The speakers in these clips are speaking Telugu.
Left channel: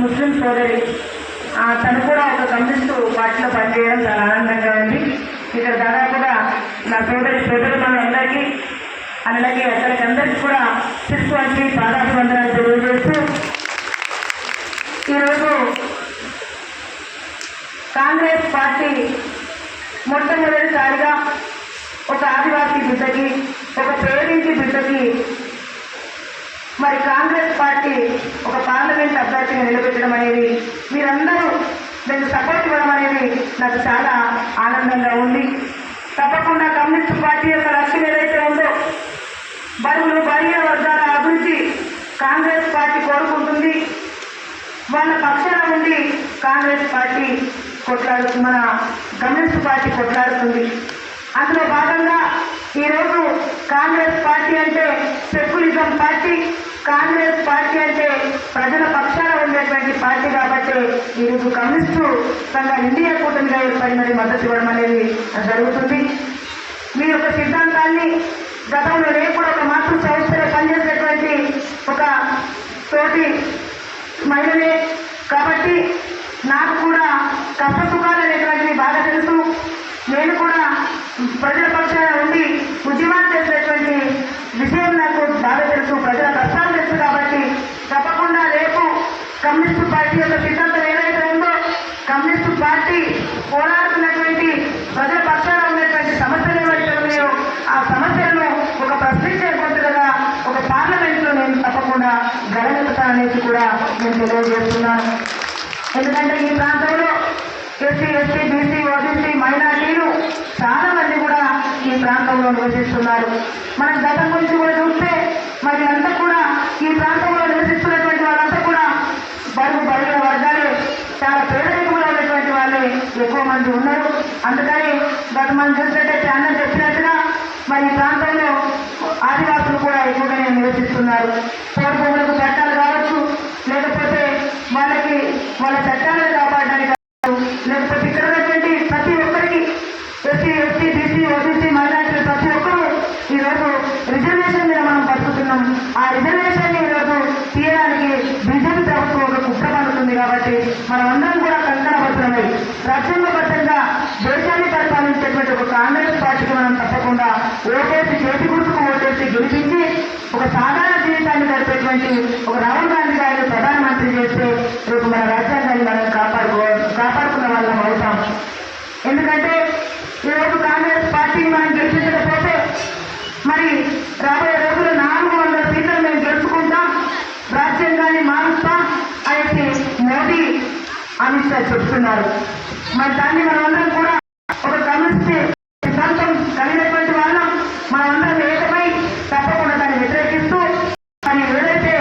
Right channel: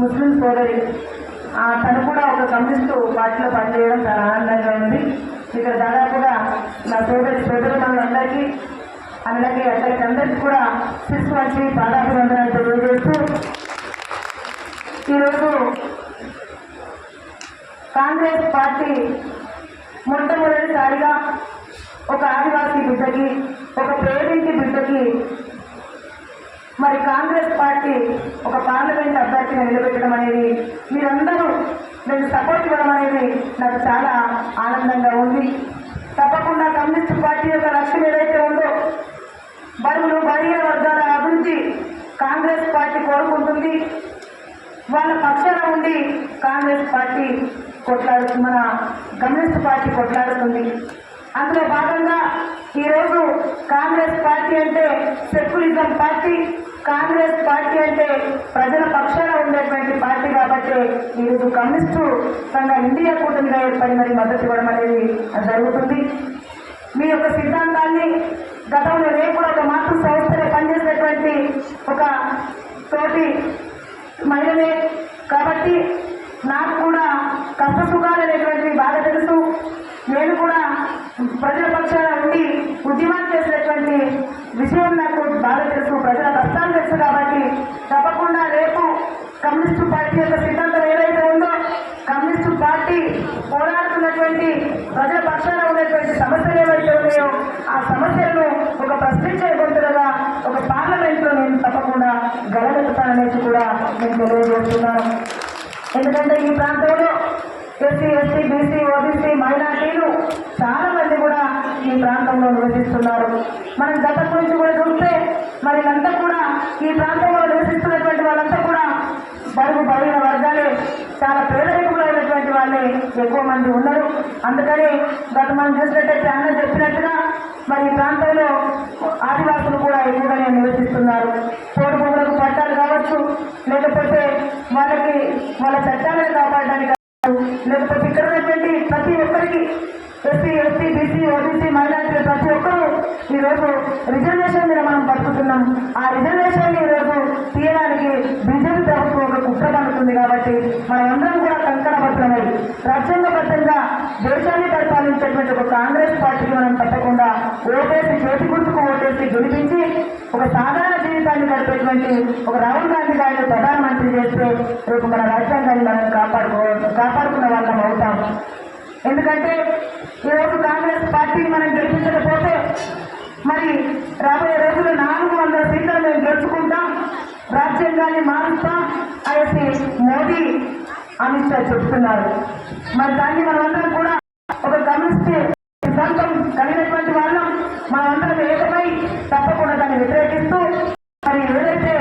ముస్లిం సోదరి, తను కూడా ఒక కమ్యూనిస్టు పార్టీలో పనిచేయడం చాలా ఆనందంగా ఉంది. ఇక్కడ దాదాపుగా నా సోదరులు మనందరికీ అలాగే అక్కడికి అందరికీ కూడా శిశువానికి పాదాభివందనాలు తెలియజేస్తూ, ఈరోజు కాంగ్రెస్ పార్టీ మొట్టమొదటిసారిగా ఒక ఆదివాసీ బిడ్డకి, ఒక పేరింటి బిడ్డకి మరి కాంగ్రెస్ పార్టీ ఒక పార్లమెంట్ అభ్యర్థిగా నిలబెట్టడం అనేది, మీరందరూ నేను సపోర్ట్ ఇవ్వడం అనేది నాకు చాలా ఆనందంగా ఉంది. తప్పకుండా కమ్యూనిస్టు పార్టీ యొక్క లక్ష్యం ఏదైతే ఉందో, బడుగు బలహీన వర్గాల అభివృద్ధి కాంగ్రెస్ పార్టీ కోరుకుంటుంది. వాళ్ళ పక్షాన ఉండి కాంగ్రెస్ పార్టీ మన కమ్యూనిస్ట్ పార్టీ కొట్లాడుతుంది. అందులో భాగంగా ఈరోజు కాంగ్రెస్ పార్టీ అంటే సెక్యులిజం పార్టీ, కాంగ్రెస్ పార్టీ అంటే ప్రజల పక్షాన ఉండేటువంటి పార్టీ కాబట్టి ఈరోజు కమ్యూనిస్టు సంఘ ఇండియా కూటమిగా ఏర్పడినది మద్దతు ఇవ్వడం అనేది జరుగుతుంది. మీ యొక్క సిద్ధాంతాన్ని గతంలో నేను కూడా ఒక మాతృ సంస్థలో పనిచేసేటువంటి ఒక తోటి మహిళనే కాబట్టి నాకు కూడా కష్టసుఖాలు అనేటువంటివి బాగా తెలుసు. నేను కూడా ప్రజల పక్షాన ఉండి ఉద్యమాలు చేసినటువంటి విషయం నాకు బాగా తెలుసు, ప్రజల కష్టాలు తెలుసు. కాబట్టి తప్పకుండా రేపు కమ్యూనిస్టు పార్టీ యొక్క సిద్ధాంతం ఏదైతే ఉందో, కమ్యూనిస్టు పార్టీ పోరాడుతున్నటువంటి ప్రజల పక్షాన ఉన్నటువంటి సమస్యలు ఏవైతే ఉన్నాయో ఆ సమస్యలను ఒక ప్రశ్నించే గొంతులుగా ఒక పార్లమెంట్లో నేను తప్పకుండా గెలగలుగుతాననేసి కూడా నేను తెలియజేస్తున్నాను. ఎందుకంటే ఈ ప్రాంతంలో ఎస్సీ, ఎస్టీ, బీసీ, ఓబీసీ, మైనార్టీలు చాలా మంది కూడా ఈ ప్రాంతంలో నివసిస్తున్నారు. మనం గతం నుంచి కూడా చూస్తే మరి అంతా కూడా ఈ ప్రాంతంలో నివసిస్తున్నటువంటి వాళ్ళంతా కూడా బడుగు బలహీన వర్గాలే, చాలా పేదరికంలో ఉన్నటువంటి వాళ్ళే ఎక్కువ మంది ఉన్నారు. అందుకని గత మనం చూసినట్టయితే అన్న చెప్పినట్టుగా మరి ఈ ప్రాంతంలో ఆదివాసులు కూడా ఎక్కువగానే నివసిస్తున్నారు. పేద భూములకు చట్టాలు కావచ్చు, లేకపోతే వాళ్ళ చట్టాలను కాపాడడానికి లేకపోతే ఇక్కడ ఉన్నటువంటి ప్రతి ఒక్కరికి ఎస్సీ, ఎస్టీ, బీసీ, ఓబీసీ, మైనార్టీలు ప్రతి ఒక్కరూ ఈరోజు రిజర్వేషన్ మీద మనం బతుకుతున్నాం. ఆ రిజర్వేషన్ ని ఈరోజు తీయడానికి బీజేపీ ప్రభుత్వం ఒక కుట్ర పడుతుంది. కాబట్టి మనం అందరం కూడా కంకణబద్ధమై రాజ్యాంగబద్ధంగా దేశాన్ని పరిపాలించేటువంటి ఒక కాంగ్రెస్ పార్టీకి మనం తప్పకుండా ఓటేసి, చేతి గుర్తుకు ఓటేసి గెలిపించి ఒక సాధారణ జీవితాన్ని గడిపేటువంటి ఒక రాహుల్ గాంధీ గారిని ప్రధానమంత్రి చేస్తే రేపు మన రాజ్యాంగాన్ని మనం కాపాడుకున్న వాళ్ళం అవుతాం. ఎందుకంటే ఈరోజు కాంగ్రెస్ పార్టీని మనం గెలిపించకపోతే మరి రాబోయే రోజులు 400 సీట్లను మేము గెలుచుకుంటాం, రాజ్యాంగాన్ని మారుస్తాం అనేసి మోదీ, అమిత్ షా చెప్తున్నారు. మరి దాన్ని మనమందరం కూడా ఒక కమ్యూనిస్ట్ సిద్ధాంతం కలిగినటువంటి వాళ్ళం మనమందరం ఏకమై తప్పకుండా దాన్ని వ్యతిరేకిస్తూ మరి ఏదైతే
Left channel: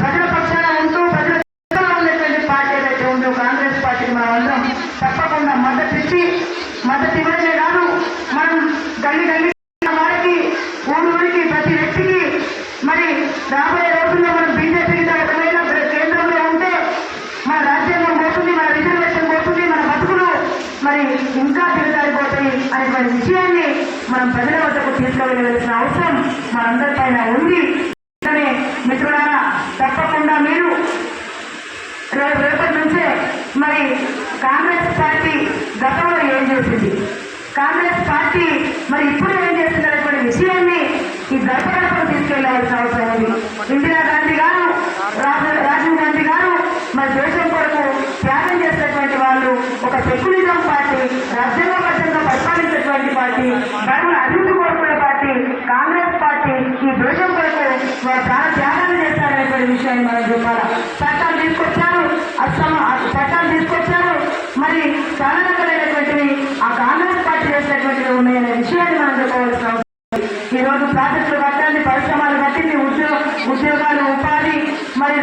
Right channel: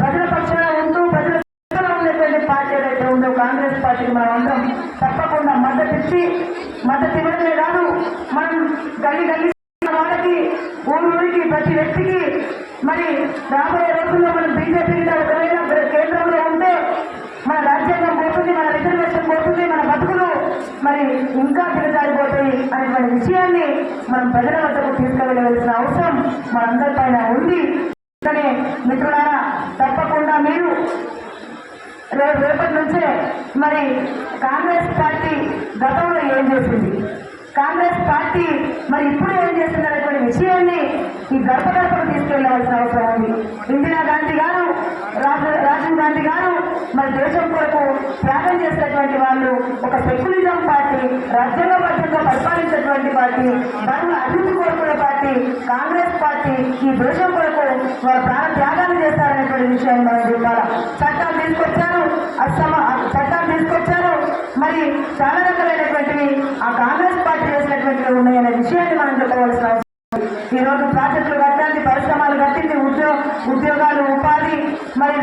ప్రజల పక్షాన ఉంటూ ప్రజల ఉన్నటువంటి పార్టీ ఏదైతే ఉందో కాంగ్రెస్ పార్టీకి మనమందరం తప్పకుండా మద్దతు ఇవ్వడమే కాదు, మనం గల్లి వారికి, ఊరికి, ప్రతి వ్యక్తికి మరి రాబోయే రోజుల్లో మనం బీజేపీకి ఒకవేళ కేంద్రంలో ఉంటే మన రాజ్యాంగం పోతుంది, మన రిజర్వేషన్ పోతుంది, మన బతుకులు మరి ఇంకా దిగజారిపోతాయి అనేటువంటి విషయాన్ని మనం ప్రజల వద్దకు తీసుకువెళ్ళవలసిన అవసరం మనందరిపైన ఉంది. కానీ మిత్రులారా, తప్పకుండా మీరు రేపటి నుంచే మరి కాంగ్రెస్ పార్టీ గతంలో ఏం చేసింది, కాంగ్రెస్ పార్టీ మరి ఇప్పుడు ఏం చేస్తుంది అనేటువంటి విషయాన్ని ఈ గడపకు తీసుకెళ్లవలసిన అవసరం ఉంది. ఇందిరా గాంధీ గారు, రాజీవ్ గాంధీ గారు మరి దేశం కొరకు త్యాగం చేసినటువంటి వాళ్ళు ఒక సెక్యులిజం పార్టీ, రాజ్యాంగబద్ధంగా పరిపాలించేటువంటి పార్టీ, బడుగుల అభివృద్ధి కోరుకునే పార్టీ కాంగ్రెస్ పార్టీ. ఈ దేశం కొరకు వారు చాలా త్యాగాలు చేస్తారనేటువంటి విషయాన్ని మనం చూడాలి. చట్టాలు తీసుకొచ్చారు, మరి చాలా రకాలైనటువంటివి ఆ కాంగ్రెస్ పార్టీ చేసినటువంటివి ఉన్నాయనే విషయాన్ని మనం చెప్పవలసిన అవసరం. ఈరోజు ప్రాజెక్టులు కట్టండి, పరిశ్రమలు కట్టింది, ఉద్యోగాలు, ఉపాధి మరి